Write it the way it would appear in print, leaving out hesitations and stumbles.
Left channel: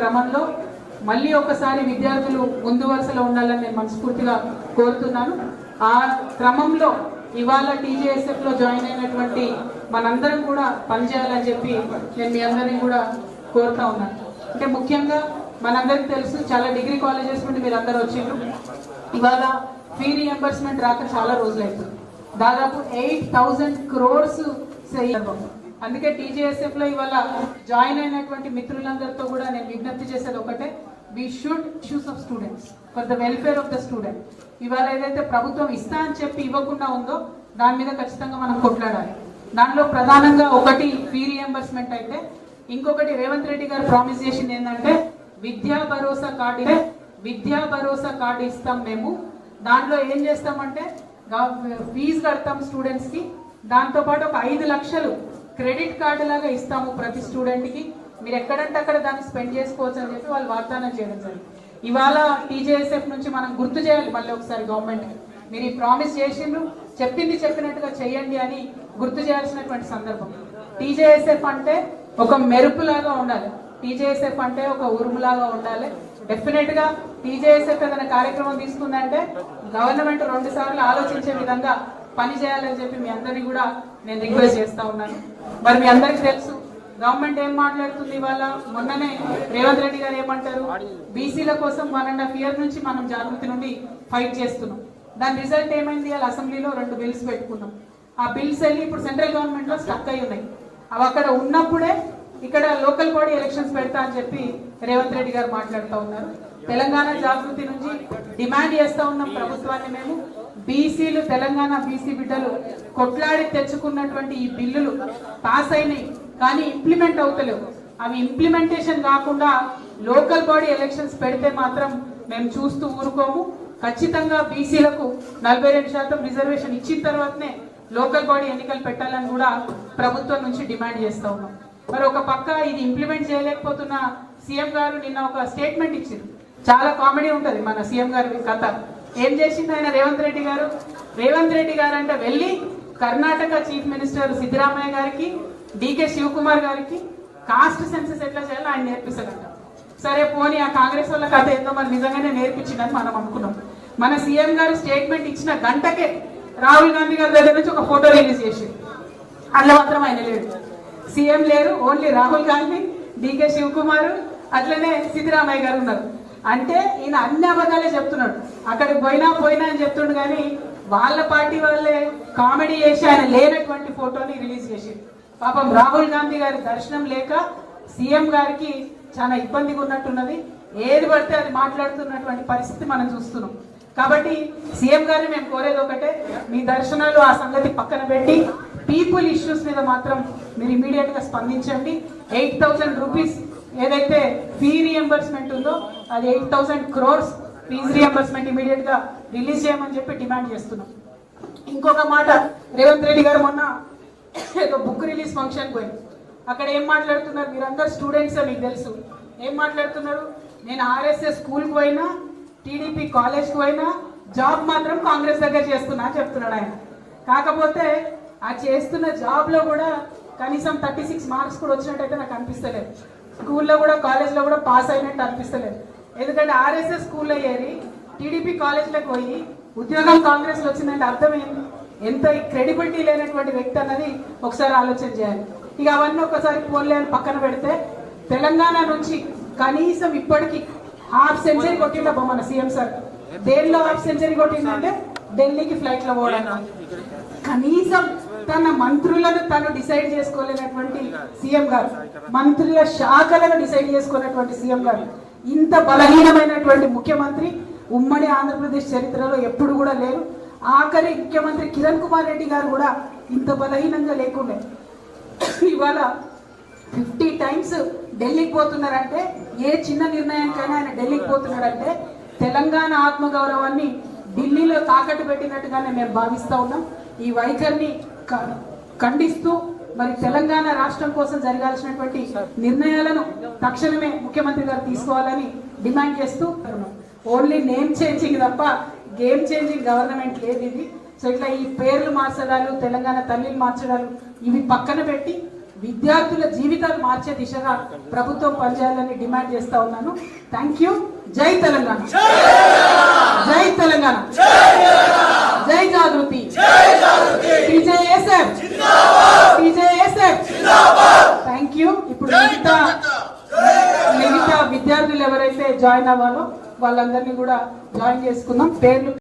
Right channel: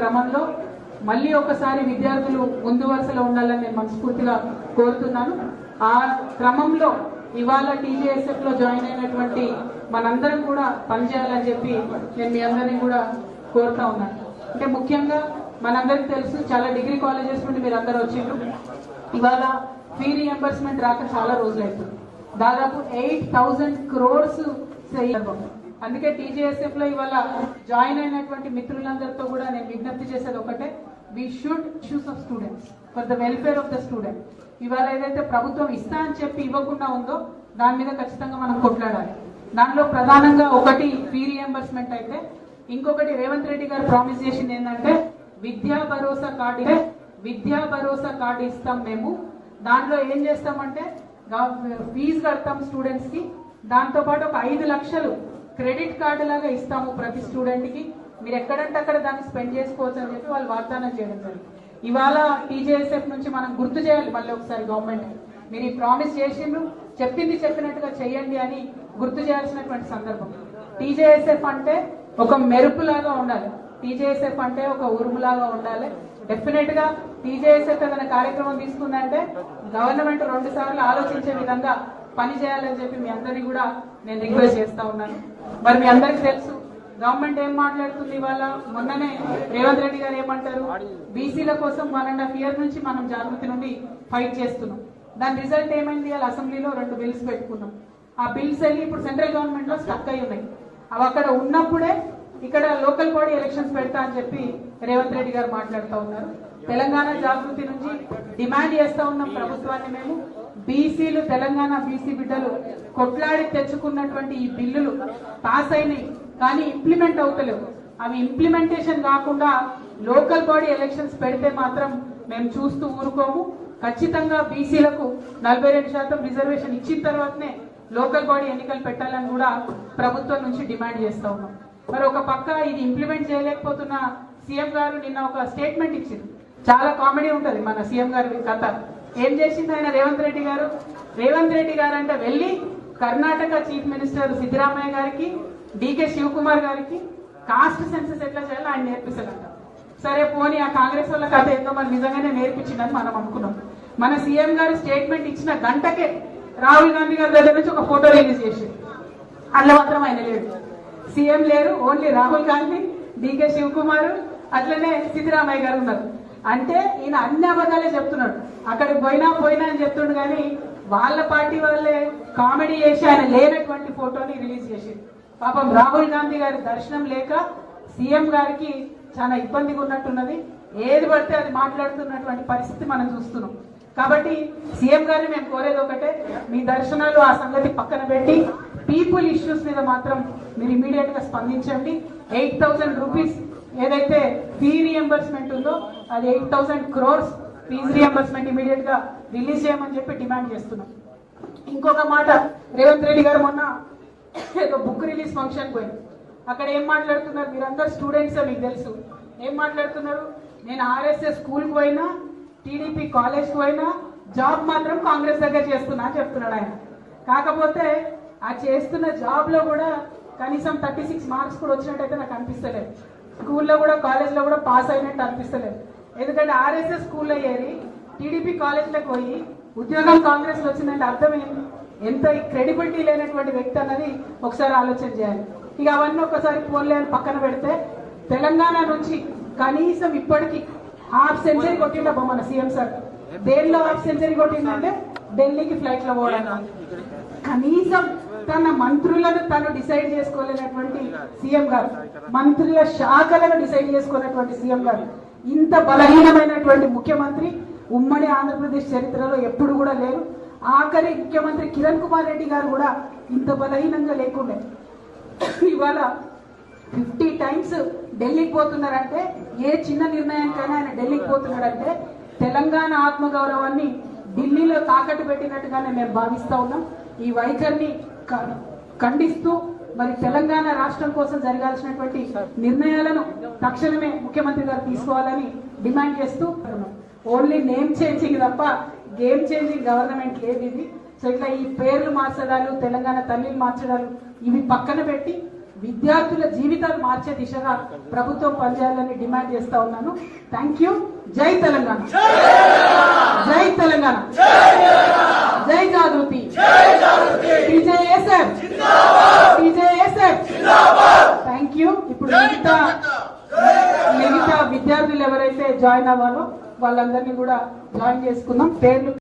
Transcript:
క్రమంలో మళ్ళీ ఒకసారి విద్యార్థులు ముందు వరుసలో ఉండాలని నేను మనస్ఫూర్తిగా కోరుతున్నాను. ఆ క్రమంలో ఇవాళ టీజేఎస్ఎఫ్ లో జాయిన్ అయినటువంటి మనందరం కూడా పనిచేయాలని చెప్పి నేను మీ అందరినీ కూడా కోరుతా ఉన్నాను. అంటే ముఖ్యంగా మనందరికీ తెలుసు, చాలా డిగ్రీ కాలేజెస్ నుండి మీరు అందరూ వచ్చిండ్రు. ఇవాళ ఫీ రీఎంబర్స్మెంట్ రాక చాలా రోజులు అవుతుంది. దాదాపు 8,000 crores. అందుకే టీజేఎస్ఎఫ్ లో ఇవాళ జాయిన్ అయినటువంటి మిత్రులందరితో కూడా నేను విజ్ఞప్తి చేసేది ఒకటే, we should choose of students for the welfare of the student. ఇవాళ ఏదైతే ప్రభుత్వం ఇస్తా అని చెప్పి ఇవ్వకుండా ఉందో దాని మీద ఖచ్చితంగా మనం కొట్లాడాలి. దానిలో ప్రధానంగా ఒకటి ఫీ రీఎంబర్స్మెంట్ అయితే, ఇంకొకటి రేవంత్ రెడ్డి గారు ప్రామిస్ చేసింది ఏంటంటే విద్యా భరోసా కార్డు ఇస్తాం మేము. దాంట్లో ఏం చేస్తామంటే ఫీజు కడతాం స్టూడెంట్స్ కి, దాంతో పాటు ఒక 5 లక్షలు క్రెడిట్ కార్డు లాగా ఇస్తాము ప్రతి స్టూడెంట్ కి, మీరు ఎక్కడంటే అక్కడ దాన్ని స్పెండ్ చేసుకోవచ్చు అని చెప్పి వాళ్ళు వాగ్దానం చేయడం జరిగింది. ఇవాళ టీజేఎస్ఎఫ్ నుంచి మనం గుర్తు చేయాలి మళ్ళీ ఒకసారి గవర్నమెంట్ కి, మీరు ఈ ప్రామిస్ చేసిండ్రు, చెప్పింది చెప్పినట్టుగా చేయండి అని గుర్తు చేయాల్సినటువంటి సందర్భం. టీజేఎస్ఎఫ్ అంటే ఒక మెరుపులాగా ఉండాలి, టీజేఎస్ఎఫ్ అంటే ఒక ఉరుములాగా ఉండాలి. డెఫినెట్ గా టీజేఎస్ఎఫ్ ఏదైనా కార్యక్రమం తీసుకుందంటే గవర్నమెంట్ 2 సార్లు ఆలోచించే విధంగా పని చేయాలని చెప్పి మీ అందరినీ కూడా నేను రిక్వెస్ట్ చేస్తా ఉన్నాను. మరి మీ అందరికీ తెలుసు గవర్నమెంట్ ఏం మాట్లాడుతుంది. ఇవాళ మొన్ననే రేవంత్ రెడ్డి గారు ఏమంటారు, బీసీల కోసం 1.5 years నుంచి మనం జాగృతి నుండి ఫైట్ చేస్తున్నాం. దాని రిజల్ట్ ఏమైంది, వాళ్ళ అసెంబ్లీలో 2 bills పెట్టుకున్నాం. ఆ బిల్స్ వెళ్ళి ఇప్పుడు సెంట్రల్ గవర్నమెంట్ లో స్టక్ అయి ఉన్నాయి. అవి అక్కడ ఉన్నప్పుడే ఇక్కడ లోకల్ బాడీ ఎలక్షన్స్ పెడతా అని చెప్పి రేవంత్ రెడ్డి గారు మాట్లాడుతూ ఉన్నారు. తెలంగాణ జాగృతి నుంచి డిమాండ్ చేస్తా ఉన్నాం ప్రభుత్వాన్ని మేము, బీసీలు తెలంగాణ బీసీ బిడ్డలు కొట్లాడి తెచ్చుకున్నటువంటి ఈ బిల్లులు పాస్ అయినాయి కానీ ఇంప్లిమెంట్ అవుతలేవు. అవి ఇంప్లిమెంటేషన్ కాకుండా లోకల్ బాడీ ఎలక్షన్స్ పెడితే మాత్రం మేము చూస్తూ ఊరుకోము. ఖచ్చితంగా బీసీలకు 42% రిజర్వేషన్ ఇచ్చిన తర్వాతనే లోకల్ బాడీ ఎన్నికలు పెట్టాలని కూడా ప్రభుత్వం నుంచి డిమాండ్ చేస్తా ఉన్నాం. మరి ఒక పక్క ఇది ఇంప్లిమెంట్ చేయలేకపోతున్న సీఎం గారు నిన్న ఒక స్టేట్మెంట్ ఇచ్చింది. చాలా కామెడీ ఉంటది మన సీఎం గారి కథ. ఏం చేసింది ఆయన రేవంత్ రెడ్డి గారు అంటే వెళ్ళి కర్ణాటక చీఫ్ మినిస్టర్ సిద్ధరామయ్య గారికి, డికే శివకుమార్ గారికి కాస్ట్ సెన్సస్ ఎట్లా చేయాలో ఆయన నేర్పిస్తారంట. సరే పోనీ ఆ కాంగ్రెస్ వాళ్ళ కథ ఏందో మరి నిజంగానే నేర్పించిందని మనం అనుకున్నాం. మన సీఎం గారు స్టేట్మెంట్ ఇచ్చిన గంటకే రాహుల్ గాంధీ గారి దగ్గర నుంచి ఒక ఫోటో రిలీజ్ చేసింది. అందులో మాత్రం ఆయన లేడు, సీఎం లేరు, ఓన్లీ రాహుల్ గాంధీ, డికే శివకుమార్, అట్లనే సిద్ధరామయ్య గారు ఉన్నారు. అంటే ఈయన అన్ని అబద్ధాలే చెప్తున్నాడు. అక్కడికి పోయినా అని చెప్తుండు కానీ వాళ్ళ పార్టీ వాళ్ళే కామెడీ చేసి ఆయన లేనటువంటి ఫోటోని రిలీజ్ చేసింది. పాపం రాహుల్ గాంధీ గారి దర్శనం లేక సీఎం గారికి చాలా ఇబ్బందిగా ఉన్నట్టున్నది. ఏది పడితే అది మాట్లాడుతున్నటువంటి పరిస్థితి మనం చూస్తున్నాం. కాబట్టి సీఎం గారిని మేము కోరేది ఒకటే, మీ దర్శనాలు ఆ సంగతి పక్కన పెట్టి పీపుల్ ఇష్యూస్ మీద మాత్రం మీరు ఇమీడియట్ గా స్పందించండి. 8,000 rupees ఏదైతే ఫీ రీఎంబర్స్మెంట్ ఉందో అది 8,000 crores ఫీజు రీఎంబర్స్మెంట్ ఇమీడియట్ గా రిలీజ్ చేయమని చెప్పి డిమాండ్ చేస్తున్నాం. ఇంకొక మాట, రేవంత్ రెడ్డి గారు మొన్న ఏదో బుక్ రిలీజ్ ఫంక్షన్ పోయింది. అక్కడ ఏం మాట్లాడుతున్నారు, మీరందరూ స్టూడెంట్స్ మీకు తెలుసు, ఏం మాట్లాడుతున్నారు, నేను RSS స్కూల్కి పోయినా, టీడీపీ కాలేజ్కి పోయినా, జాబ్ మాత్రం కాంగ్రెస్ దగ్గర చేస్తున్నా అని చెప్తున్నాడు ఆయన. కాకపోతే ఆ చేస్తున్న జాబ్ లో కూడా కనీసం 36 marks కూడా వచ్చినట్టయితే నాకు అనిపిస్తలేదు. స్కూల్లో కూడా కాలేజ్లో కూడా పాస్ అయినట్టు అనిపిస్తలేదు. ఎందుకంటే RSS స్కూల్లో ఏరి టీడీపీ కాలేజ్లోకి పోయి ఉద్యోగం కాంగ్రెస్ లో వచ్చిందంటే అర్థం ఏంటి, ఎంత క్రెడిబిలిటీ లేనటువంటి వ్యక్తి అన్నది ఒకసారి ఆలోచన చేయాలి. ఇక అవన్నీ ఒకసారి పోన్లే అని పక్కన పెడితే, తెలంగాణ నుంచి కనీసం ఇప్పటికీ 1/2 century కొట్టిందా మన సీఎం సార్. దేనిలో 1/2 century కొట్టిందంటే ఢిల్లీకి ఫ్లైట్ లో పోవడానికి. కనీసం తన మంత్రులను తను డిసైడ్ చేసుకోలేనటువంటి సీఎం గారు, మంత్రుల శాఖలను డిసైడ్ చేసుకున్నటువంటి సీఎం గారు, ఇంత బలహీనమైనటువంటి ముఖ్యమంత్రి ఉమ్మడి ఆంధ్రప్రదేశ్ చరిత్రలో ఎప్పుడు కూడా లేరు. ఆఖరి ముఖ్యమంత్రి కిరణ్ కుమార్ రెడ్డి గారు కూడా ఇంత బలహీనంగా లేకుండే. ఇవాళ 50 times ఢిల్లీకి పోతున్నారంటే, ఏ చిన్న నిర్ణయానికైనా ఆయన ఢిల్లీకి పోతున్నారంటే తెలంగాణ ఆత్మగౌరవాన్ని ఢిల్లీలో తాకట్టు పెట్టినట్టుగానే మేము భావిస్తా ఉన్నాం. ఈ వైఖరిని ఖండిస్తూ మరి తెలంగాణ రాష్ట్రం కోసం జరగాల్సినటువంటి నిర్ణయాలను తక్షణమే ముఖ్యమంత్రి గారు తీసుకోవాలని డిమాండ్ చేస్తూ, ఓన్లీ నేమ్ చేంజింగ్ తప్ప గేమ్ చేంజింగ్ గవర్నమెంట్ లేదు ఇది. సో ఇట్లా ఈ పేర్లు మార్చడాలు, తెలంగాణ తల్లిని మార్చడాలు ఇవి పక్కన పెట్టి విద్యార్థుల జీవితాలు మార్చే దిశగా ప్రభుత్వం పనిచేయాలని డిమాండ్ చేస్తా ఉన్నాను. Thank you. జై తెలంగాణ, జై తెలంగాణ, జై జాగృతి, టీజేఎస్ఎఫ్, టీజేఎస్ఎఫ్. Thank you. ఇప్పుడు మిగతా విద్యార్థులు ఎవరైతే జాయిన్ అవ్వాలో వాళ్ళందరినీ కూడా జాయిన్ చేసుకుందాం. పేర్లు